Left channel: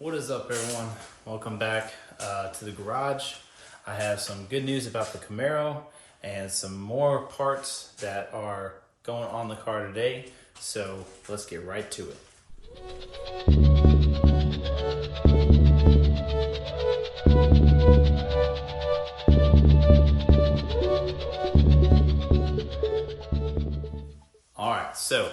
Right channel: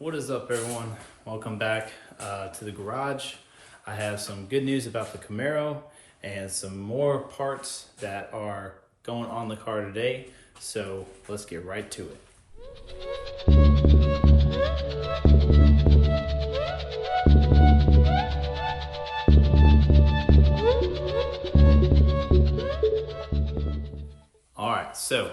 What is up, everyone? Welcome back to the garage. I have some good news about the Camaro and some more parts that are going on the car today. So let's get right to it. All right, so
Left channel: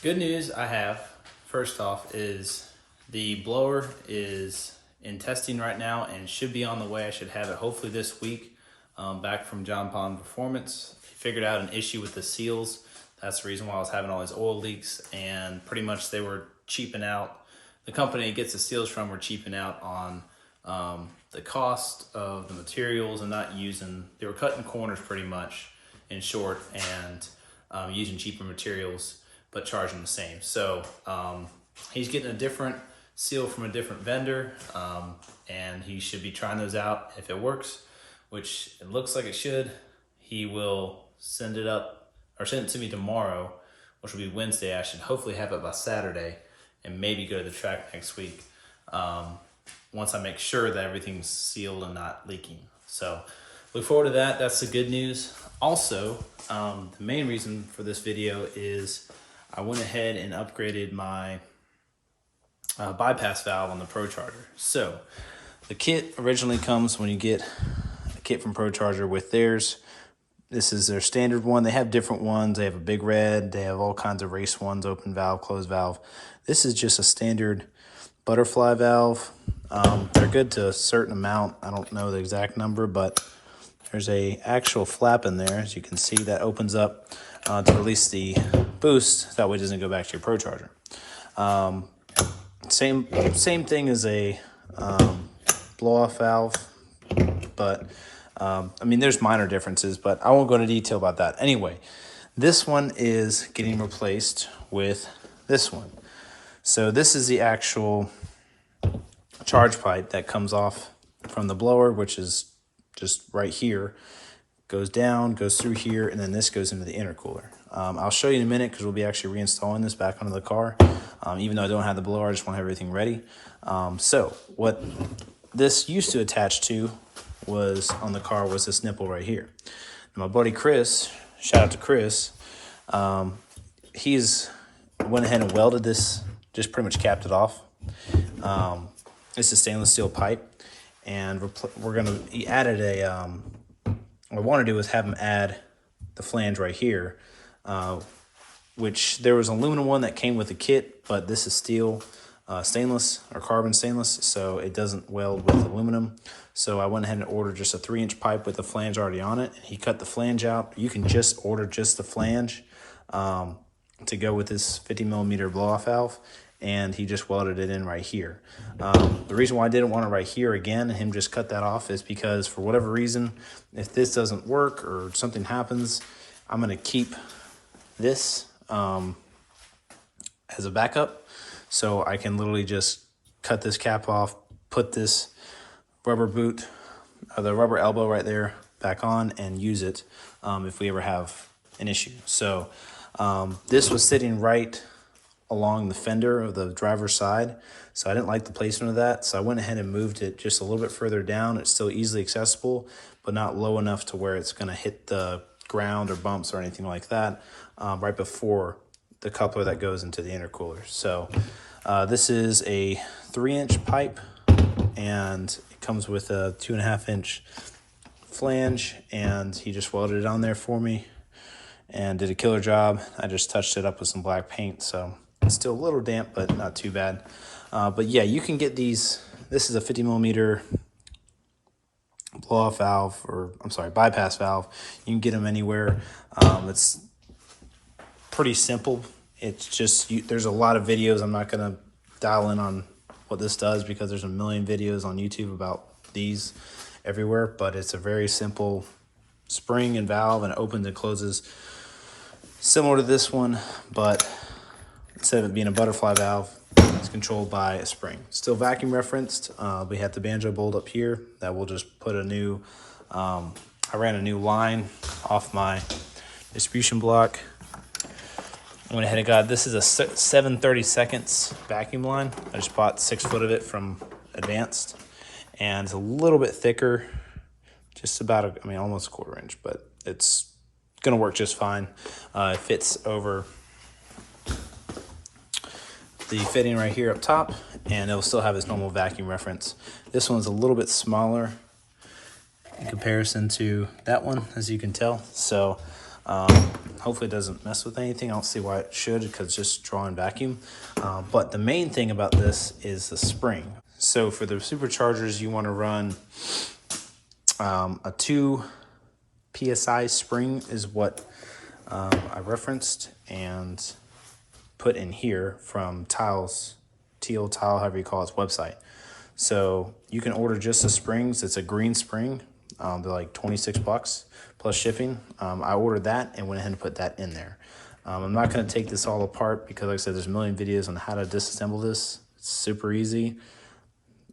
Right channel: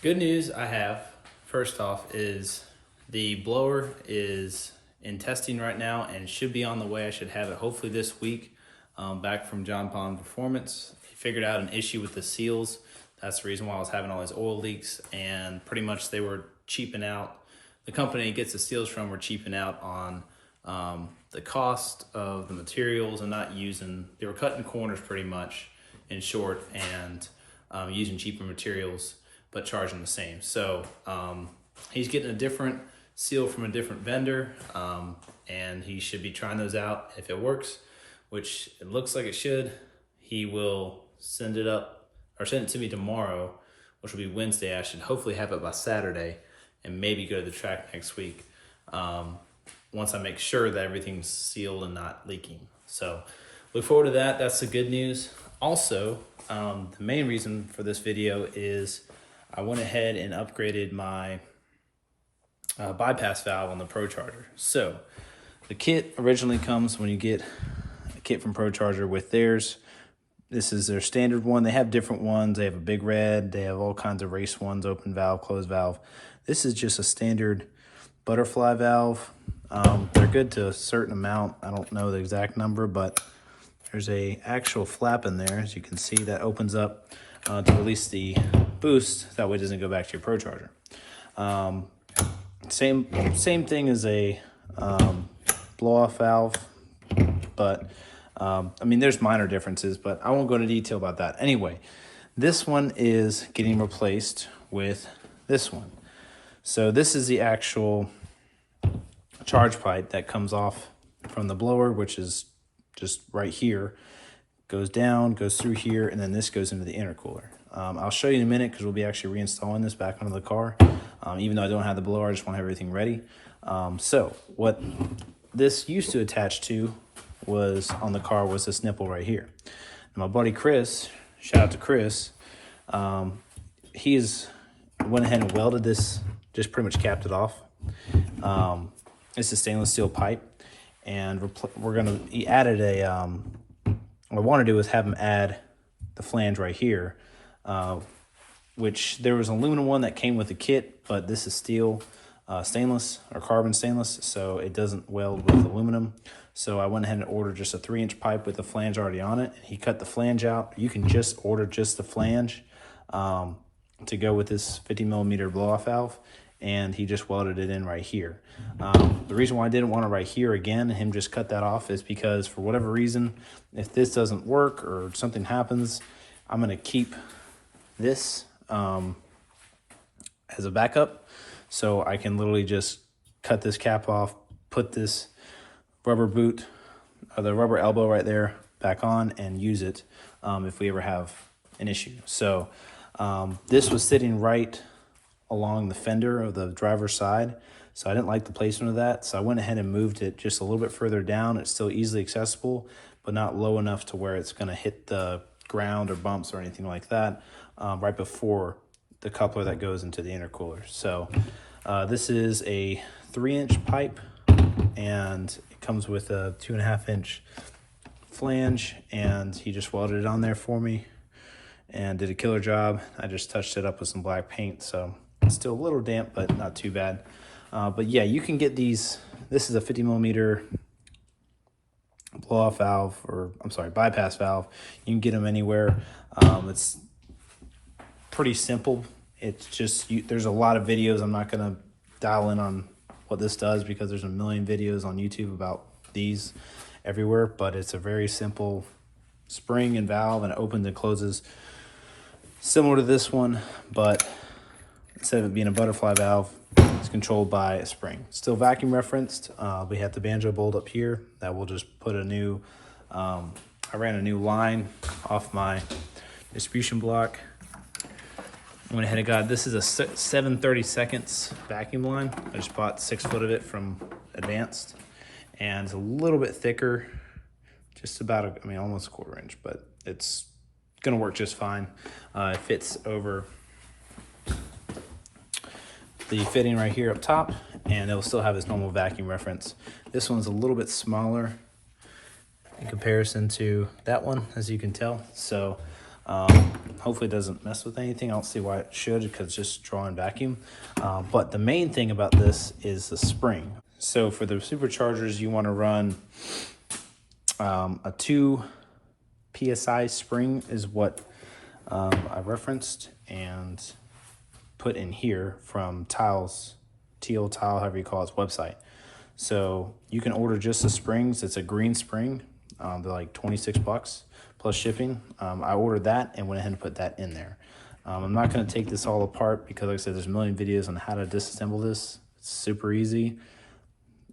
good news I have, first off, is the blower is in testing right now and should be on the way. I should have it hopefully this week, back from John Pond Performance. They figured out an issue with the seals. That's the reason why I was having all these oil leaks, and pretty much they were cheaping out. The company gets the seals from were cheaping out on the cost of the materials and not using, they were cutting corners pretty much, in short, and using cheaper materials but charging the same. So he's getting a different seal from a different vendor, and he should be trying those out. If it works, which it looks like it should, he will send it up or send it to me tomorrow, which will be Wednesday. I should hopefully have it by Saturday and maybe go to the track next week, once I make sure that everything's sealed and not leaking. So look forward to that. That's the good news. Also, the main reason for this video is I went ahead and upgraded my bypass valve on the Procharged. So the kit originally comes when you get a kit from Procharged with theirs. This is their standard one. They have different ones. They have a big red. They have all kinds of race ones, open valve, closed valve. This is just a standard butterfly valve. They're good to a certain amount. I don't know the exact number, but there's a actual flap in there, as you can see, that opens up to release the boost. That way it doesn't go back to your Procharged. Same thing as a blow-off valve, but I mean, there's minor differences, but I won't go into detail about that. Anyway, this one is getting replaced with this one. So this is the actual charge pipe that comes off from the blower, which is just right here, goes down, goes through here, and then this goes into the intercooler. I'll show you in a minute because we'll be actually reinstalling this back onto the car. Even though I don't have the blower, I just want to have everything ready. So what this used to attach to was on the car was this nipple right here. And my buddy Chris, shout out to Chris, he's went ahead and welded this, just pretty much capped it off. It's a stainless steel pipe, and he added a, what I want to do is have him add the flange right here, which there was an aluminum one that came with the kit, but this is steel, stainless or carbon stainless, so it doesn't weld with aluminum. So I went ahead and ordered just a 3-inch pipe with the flange already on it. He cut the flange out. You can just order just the flange to go with this 50mm blow-off valve, and he just welded it in right here. The reason why I didn't want it right here again, and him just cut that off, is because for whatever reason, if this doesn't work or something happens, I'm going to keep this as a backup, so I can literally just cut this cap off, put this rubber boot or the rubber elbow right there back on, and use it if we ever have an issue. So this was sitting right along the fender of the driver's side, so I didn't like the placement of that, so I went ahead and moved it just a little bit further down. It's still easily accessible, but not low enough to where it's going to hit the ground or bumps or anything like that, right before the coupler that goes into the intercooler. So this is a 3-inch pipe, and it comes with a 2.5-inch flange, and he just welded it on there for me and did a killer job. I just touched it up with some black paint, so it's still a little damp, but not too bad. But yeah, you can get these. This is a 50mm blow-off valve, or I'm sorry, bypass valve. You can get them anywhere. It's pretty simple. It's just, there's a lot of videos. I'm not going to dial in on what this does because there's a million videos on YouTube about these everywhere, but it's a very simple spring and valve, and it opens and closes similar to this one, but instead of it being a butterfly valve, it's controlled by a spring. Still vacuum referenced. We have the banjo bolt up here that will just put a new, I ran a new line off my distribution block I went ahead and got, this is a 7/32 vacuum line. I just bought 6 foot of it from Advanced, and it's a little bit thicker, just about, I mean, almost a 1/4 inch, but it's gonna work just fine. It fits over the fitting right here up top, and it'll still have its normal vacuum reference. This one's a little bit smaller in comparison to that one, as you can tell. So hopefully it doesn't mess with anything. I don't see why it should, because it's just drawing vacuum. But the main thing about this is the spring. So for the superchargers, you want to run a 2 PSI spring is what I referenced and put in here from Tiles, Teal Tile, however you call its website. So you can order just the springs. It's a green spring. They're like $26 plus shipping. I ordered that and went ahead and put that in there. I'm not going to take this all apart because, like I said, there's a million videos on how to disassemble this. It's super easy.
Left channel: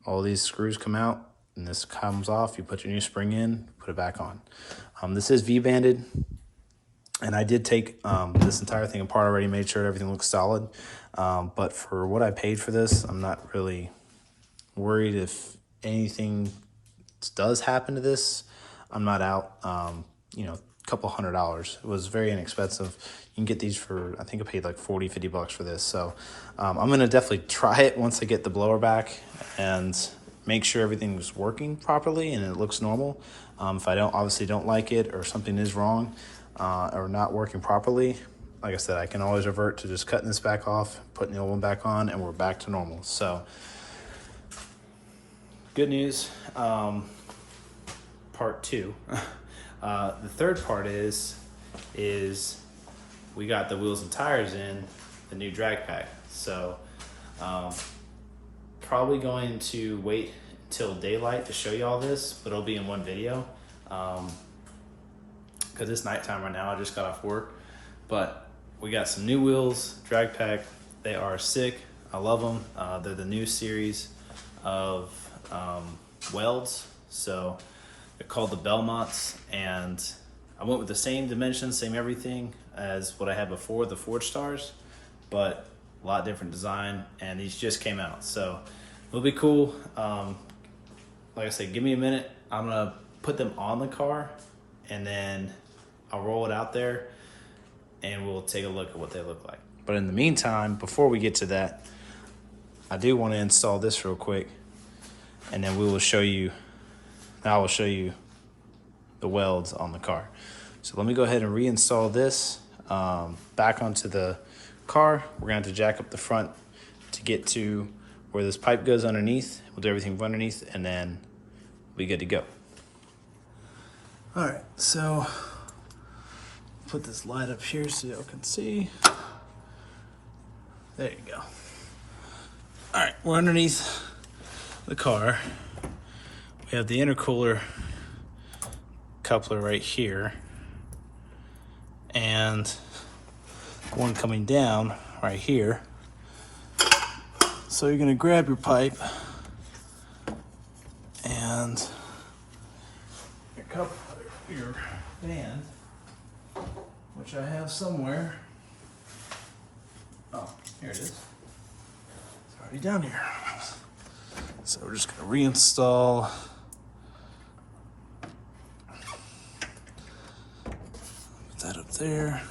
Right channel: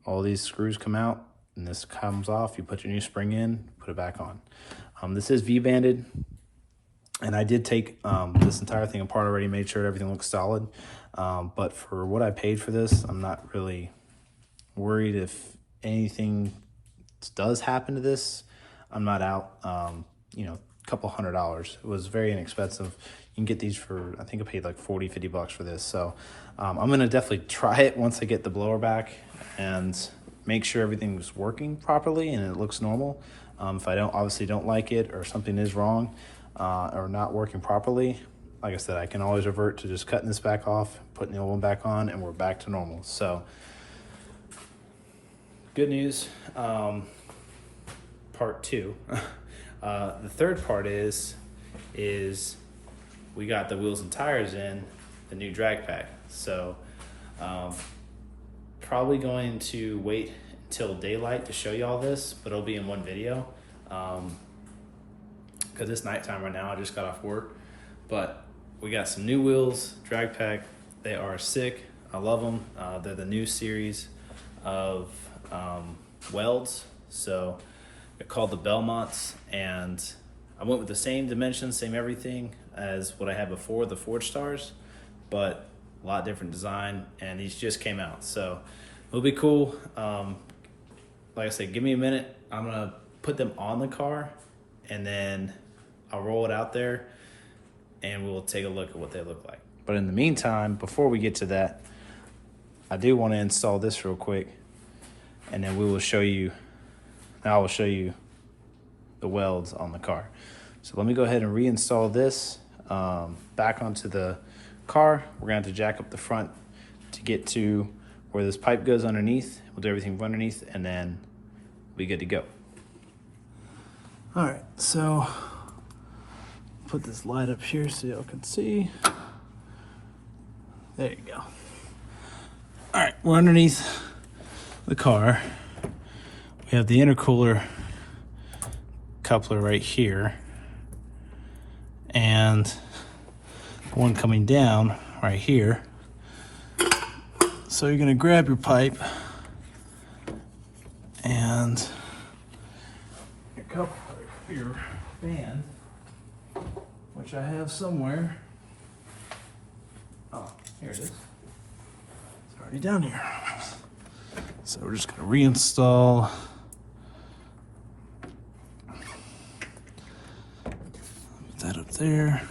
All these screws come out and this comes off. You put your new spring in, put it back on. This is V-banded, and I did take this entire thing apart already, made sure everything looks solid. But for what I paid for this, I'm not really worried if anything does happen to this. I'm not out, you know, a couple $100. It was very inexpensive. You can get these for, I think I paid like $40-50 for this. So I'm gonna definitely try it once I get the blower back and make sure everything's working properly and it looks normal. If I obviously don't like it, or something is wrong or not working properly, like I said, I can always revert to just cutting this back off, putting the old one back on, and we're back to normal. So good news. Part 2. The third part is we got the wheels and tires in the new drag pack. So probably going to wait until daylight to show you all this, but it'll be in one video because it's nighttime right now. I just got off work, but we got some new wheels, drag pack. They are sick. I love them. They're the new series of Welds. So they're called the Belmonts, and I went with the same dimensions, same everything as what I had before, the Forge Stars, but a lot different design, and these just came out. So it'll be cool. Like I said, give me a minute. I'm gonna put them on the car, and then I'll roll it out there, and we'll take a look at what they look like. But in the meantime, before we get to that, I do want to install this real quick, and then I will show you the welds on the car. So let me go ahead and reinstall this back onto the car. We're gonna have to jack up the front to get to where this pipe goes underneath. We'll do everything from underneath, and then we'll be good to go. All right, so put this light up here so y'all can see. There you go. All right, we're underneath the car. We have the intercooler coupler right here, and one coming down right here. So you're gonna grab your pipe and your coupler here, band, which I have somewhere. Oh, here it is. It's already down here. So we're just gonna reinstall that up there.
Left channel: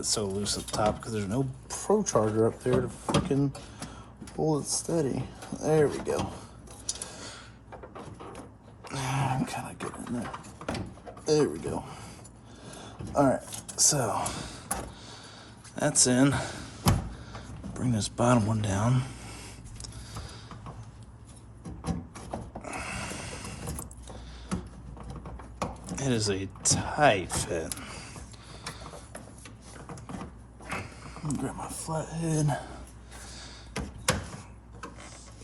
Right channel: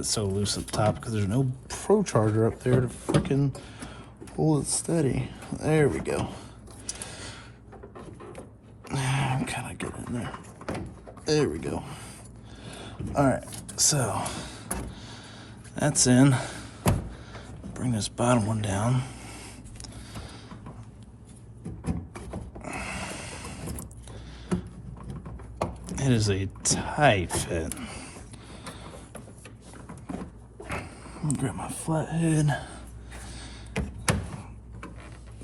It's so loose at the top because there's no Procharged up there to fucking pull it steady. There we go. Kind of get in there. There we go. All right, so that's in. Bring this bottom one down. It is a tight fit. Grab my flathead.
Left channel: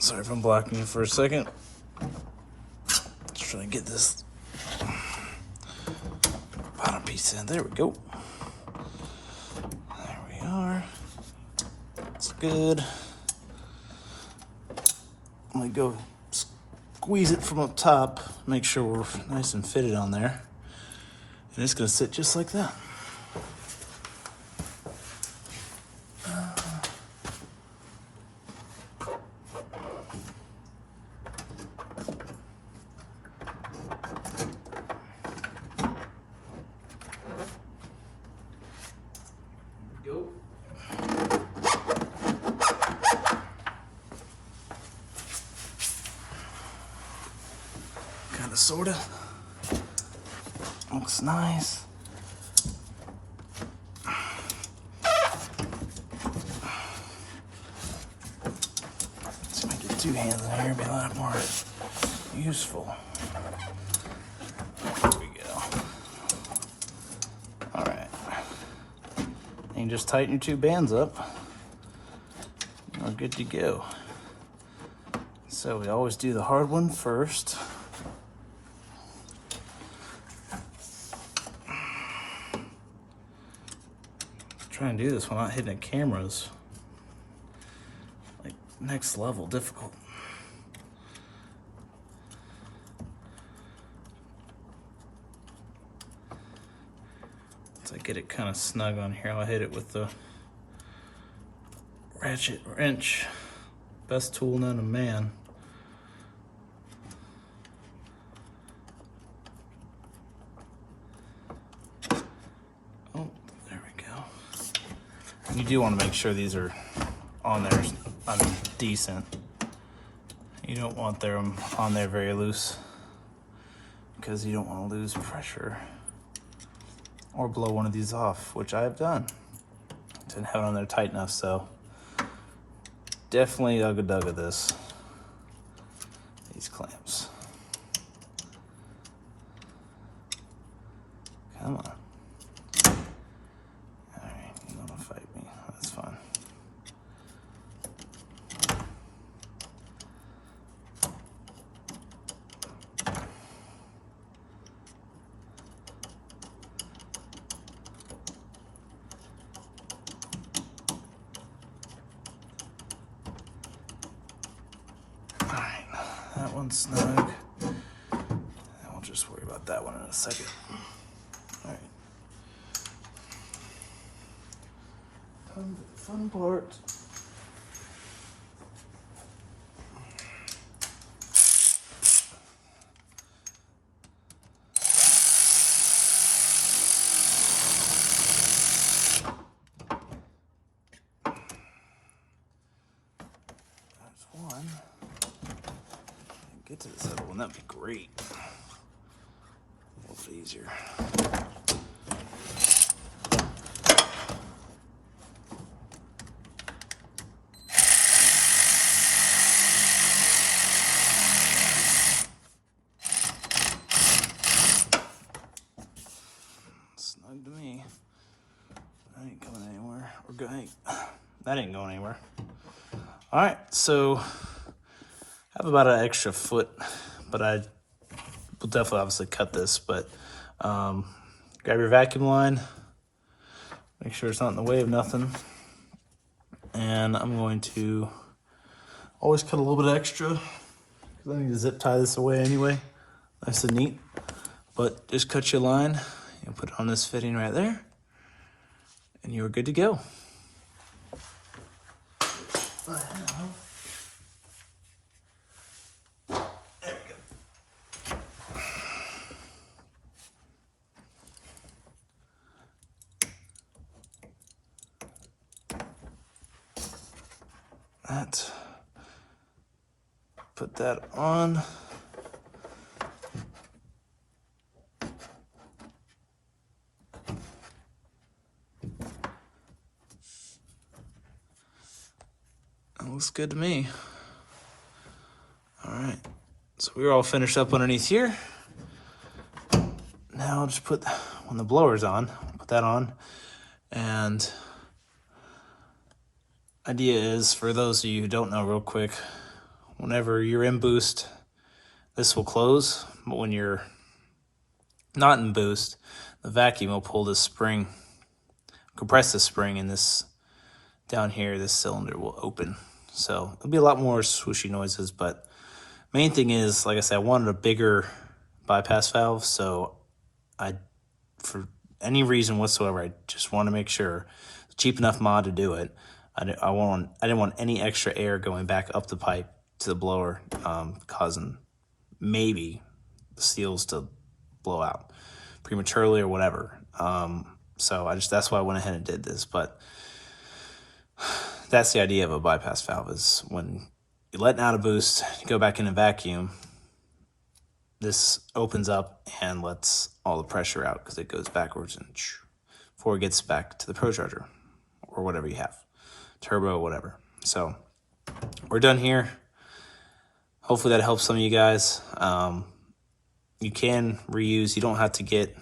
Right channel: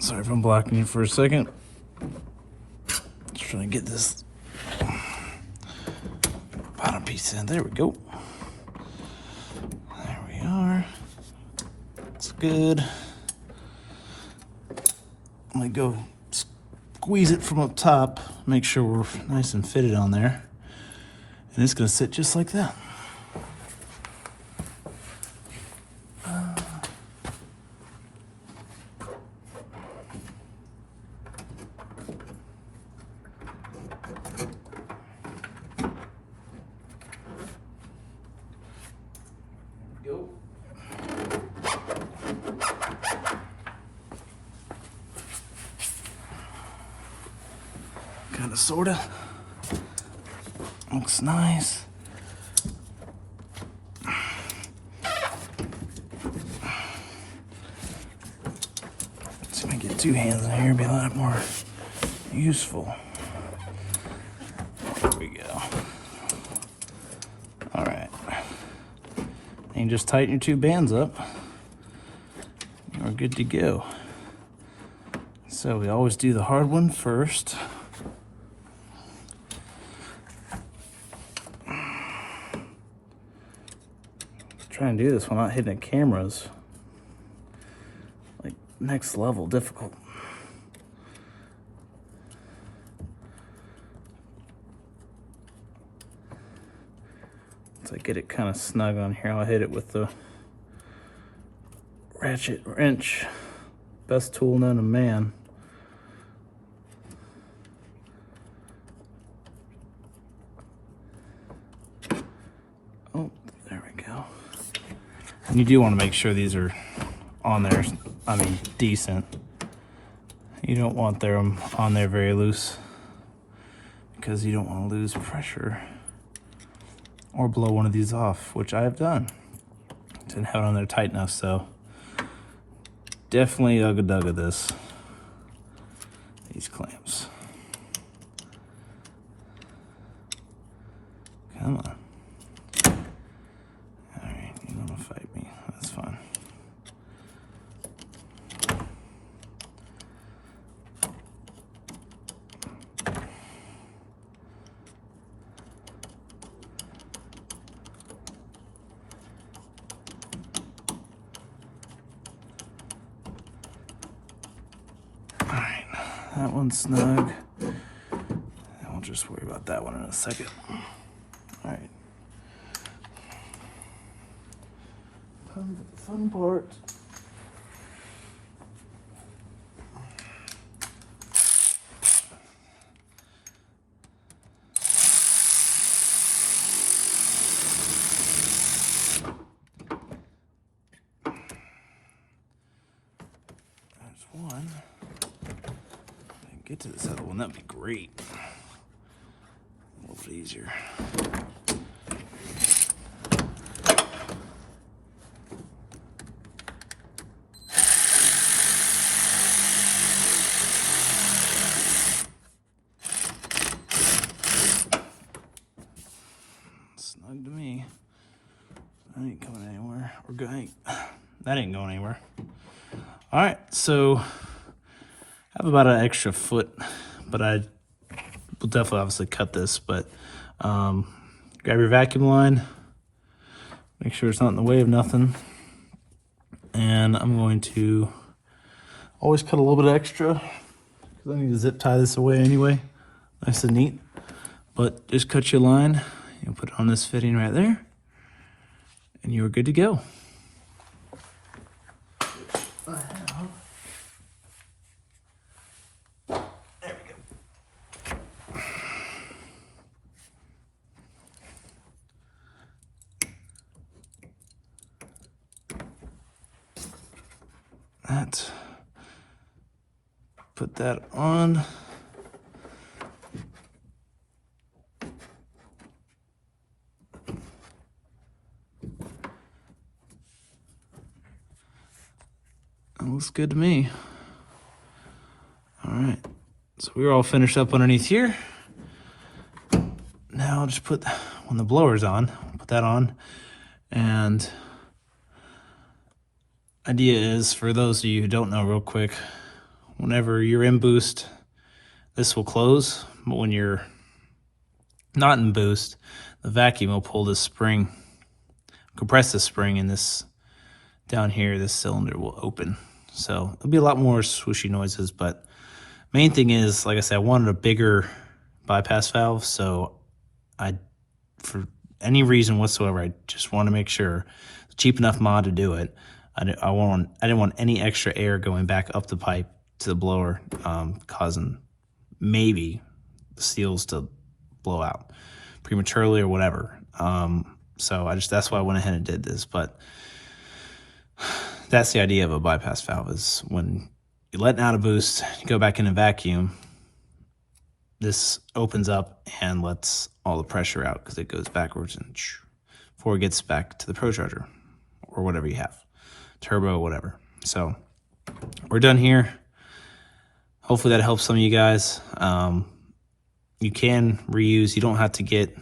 Sorry if I'm blocking it for a second. Just trying to get this bottom piece in. There we go. There good. I'm gonna go squeeze it from up top, make sure we're nice and fitted on there. And it's gonna sit just like that. Go. Kinda sorta. Looks nice. Let's make it two-handed here, be a lot more useful. There we go. Alright. And just tighten your two bands up. We're good to go. So we always do the hard one first. Trying to do this while not hitting cameras. Like next level difficult. Once I get it kind of snug on here, I'll hit it with the ratchet wrench. Best tool known to man. Oh, there we go. And you do want to make sure these are on there, decent. You don't want them on there very loose because you don't want to lose pressure or blow one of these off, which I have done. Didn't have it on there tight enough, so definitely ugga-dugga these clamps. Come on. Alright, you don't want to fight me. That's fine. Alright, that one's snug. And we'll just worry about that one in a second. Alright. Fun part. There's one. Get to this other one, that'd be great. A little bit easier. Snug to me. That ain't going anywhere. We're going. That ain't going anywhere. All right, so I have about an extra foot, but I will definitely obviously cut this. But grab your vacuum line. Make sure it's not in the way of nothing. And I'm going to always cut a little bit extra because I need to zip tie this away anyway. Nice and neat. But just cut your line. You put it on this fitting right there, and you're good to go. There we go. That. Put that on. Looks good to me. All right, so we're all finished up underneath here. Now I'll just put, when the blower's on, put that on. And idea is, for those of you who don't know real quick, whenever you're in boost, this will close. But when you're not in boost, the vacuum will pull this spring, compress the spring in this down here, this cylinder will open. So it'll be a lot more swooshy noises, but main thing is, like I said, I wanted a bigger bypass valve, so for any reason whatsoever, I just want to make sure it's a cheap enough mod to do it. I didn't want any extra air going back up the pipe to the blower, causing maybe the seals to blow out prematurely or whatever. So that's why I went ahead and did this. But that's the idea of a bypass valve, is when you're letting out a boost, you go back in a vacuum, this opens up and lets all the pressure out because it goes backwards and before it gets back to the Procharger or whatever you have, turbo, whatever. So we're done here. Hopefully that helps some of you guys. You can reuse, you don't have to get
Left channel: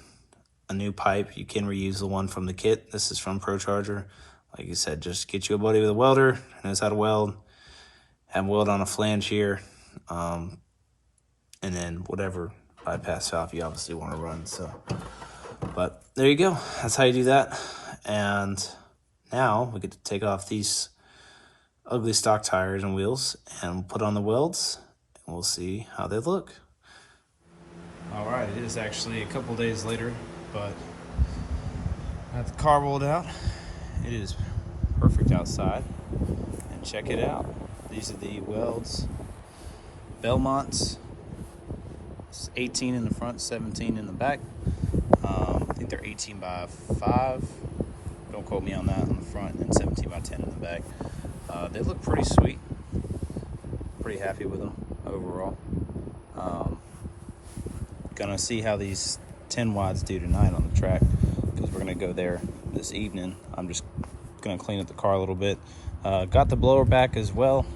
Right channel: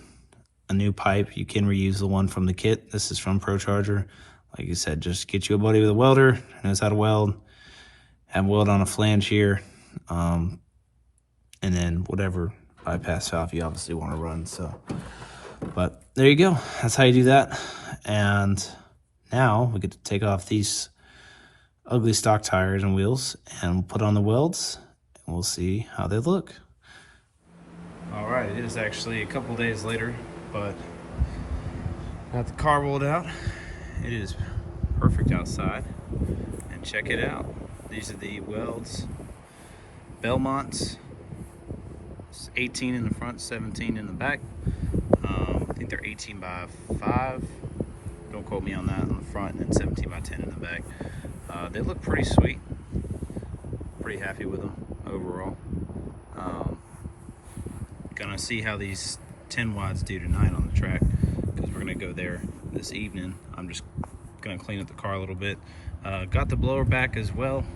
a new pipe. You can reuse the one from the kit. This is from Procharger. Like you said, just get you a buddy with a welder who knows how to weld, and weld on a flange here, and then whatever bypass valve you obviously want to run. So, but there you go. That's how you do that. And now we get to take off these ugly stock tires and wheels and put on the welds, and we'll see how they look. All right, it is actually a couple days later, but I got the car rolled out. It is perfect outside, and check it out. These are the Welds Belmonts. It's 18 in the front, 17 in the back. I think they're 18 by 5. Don't quote me on that, on the front, and 17 by 10 in the back. They look pretty sweet. Pretty happy with them overall. Gonna see how these 10 wides do tonight on the track, because we're gonna go there this evening. I'm just gonna clean up the car a little bit. Got the blower back as well,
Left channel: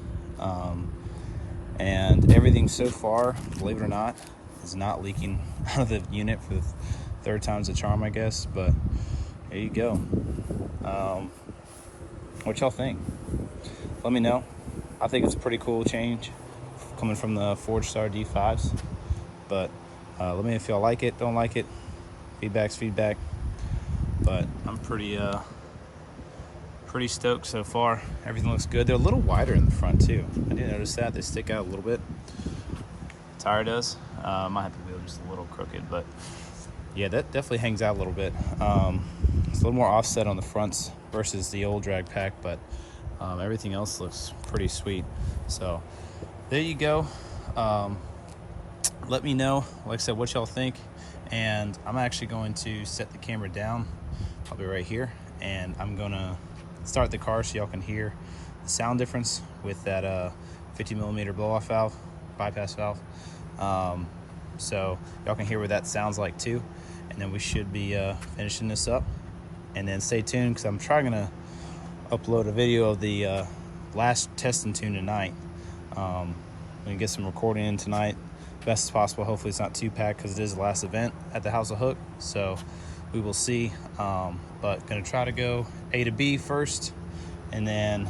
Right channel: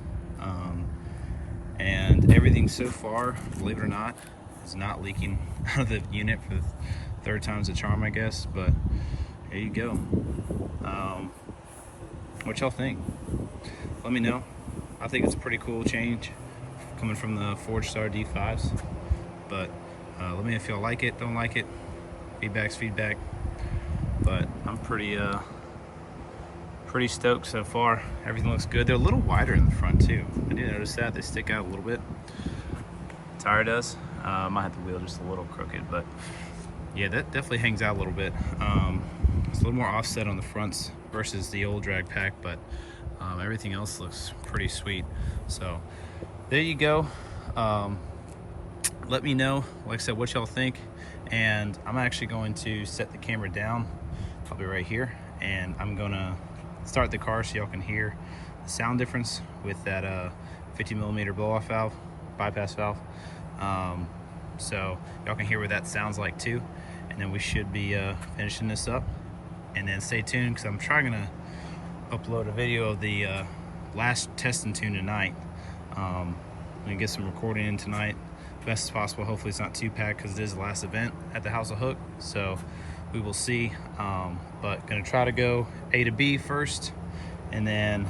and everything so far, believe it or not, is not leaking out of the unit for the third time's the charm, I guess. But there you go. What y'all think? Let me know. I think it's a pretty cool change coming from the Forgestar D5s, but let me know if y'all like it, don't like it. Feedback's feedback, but I'm pretty stoked so far. Everything looks good. They're a little wider in the front too. I did notice that they stick out a little bit. Tire does. Might have the wheel just a little crooked, but yeah, that definitely hangs out a little bit. It's a little more offset on the fronts versus the old drag pack, but everything else looks pretty sweet. So there you go. Let me know, like I said, what y'all think. And I'm actually going to set the camera down. I'll be right here, and I'm gonna start the car so y'all can hear the sound difference with that 50mm blow-off valve, bypass valve. So y'all can hear what that sounds like too. And then we should be finishing this up. And then stay tuned, because I'm trying to upload a video of the last testing tune tonight. I'm gonna get some recording in tonight, best as possible. Hopefully it's not too packed, because it is the last event at the House of Hook, so we will see. But gonna try to go A to B first, and then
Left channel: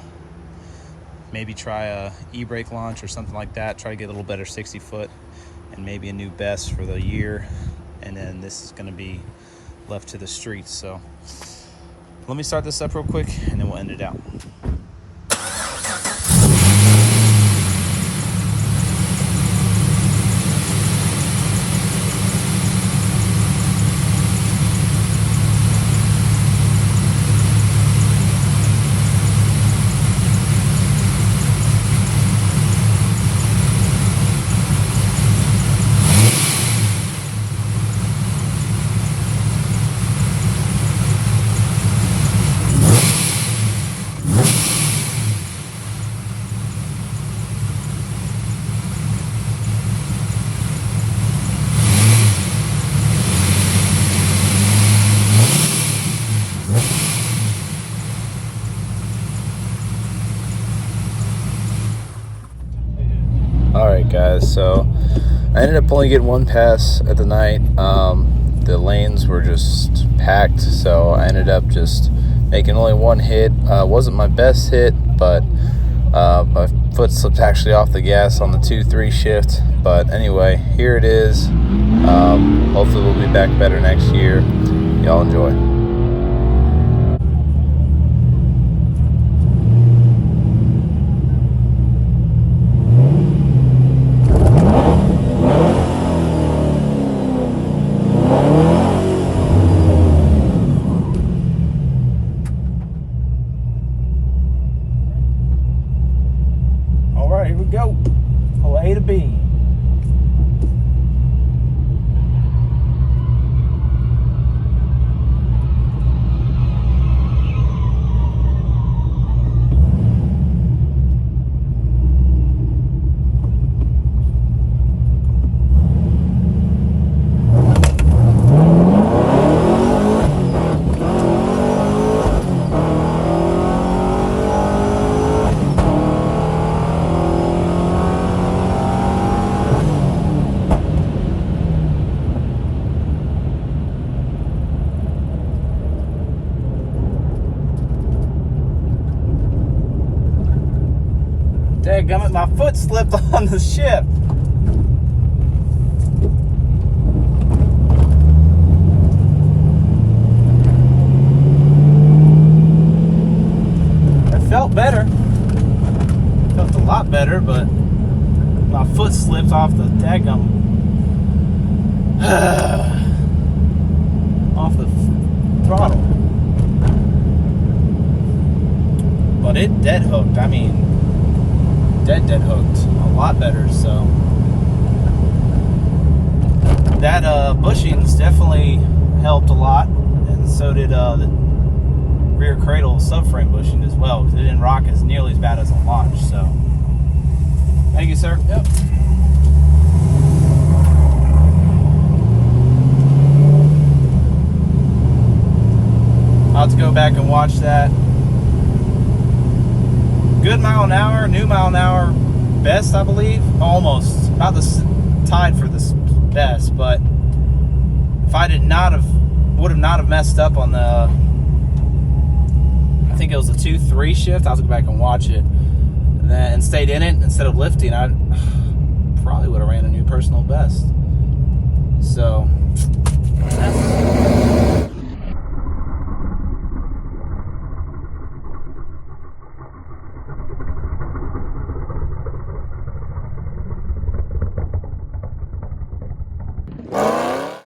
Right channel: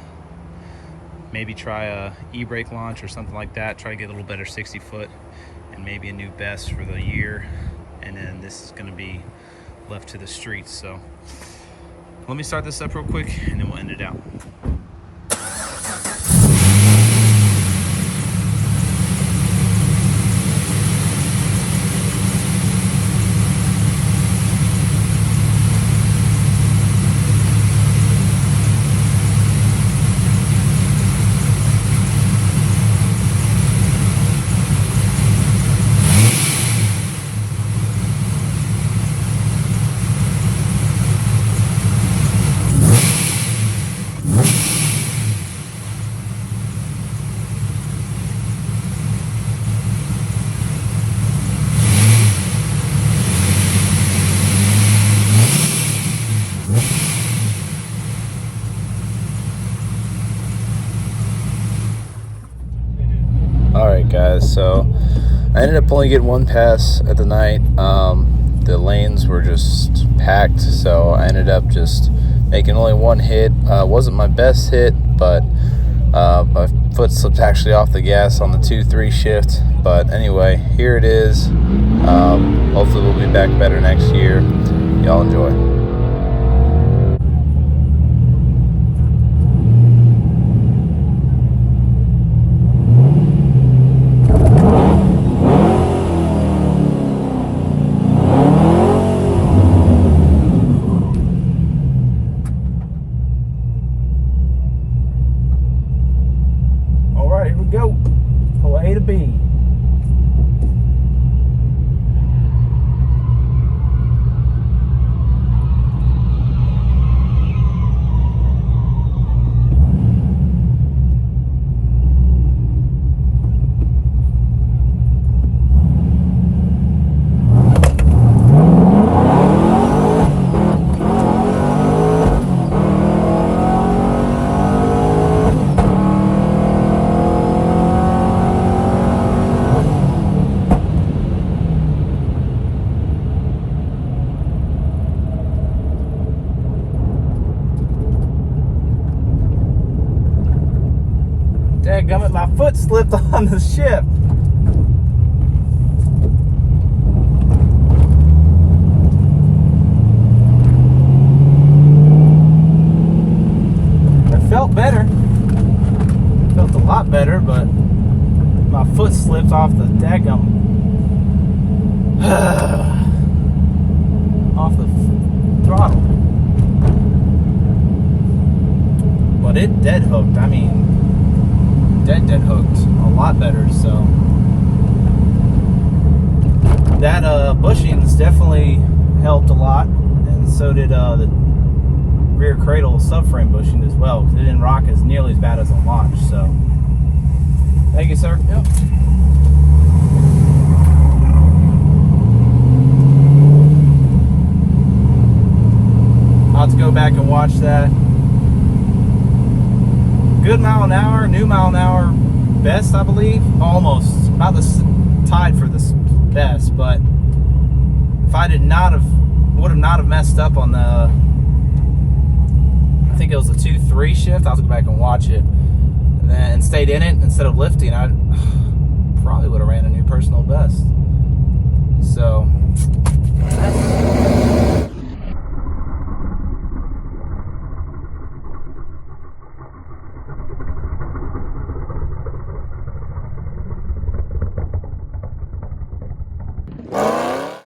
maybe try a e-brake launch or something like that. Try to get a little better 60 foot, and maybe a new best for the year. And then this is gonna be left to the streets. So let me start this up real quick, and then we'll end it out. Alright guys, so I ended up only getting one pass at the night. The lanes were just packed, so I ended up just making only one hit. Wasn't my best hit, but my foot slipped actually off the gas on the 2-3 shift. But anyway, here it is. Hopefully we'll be back better next year. Y'all enjoy. we go. Pull A to B. Dadgummit, my foot slipped on the ship. I felt better. Felt a lot better, but my foot slipped off the dadgummit. Off the throttle. But it dead hooked. I mean, dead hooked a lot better. So that bushings definitely helped a lot, and so did the rear cradle subframe bushing as well, because it didn't rock as nearly as bad as a launch. So thank you, sir. Yep. I'll have to go back and watch that. Good mile an hour, new mile an hour best, I believe. Almost about tied for the best, but if I would have not have messed up on the, I think it was the 2-3 shift. I'll have to go back and watch it, and stayed in it instead of lifting. I probably would have ran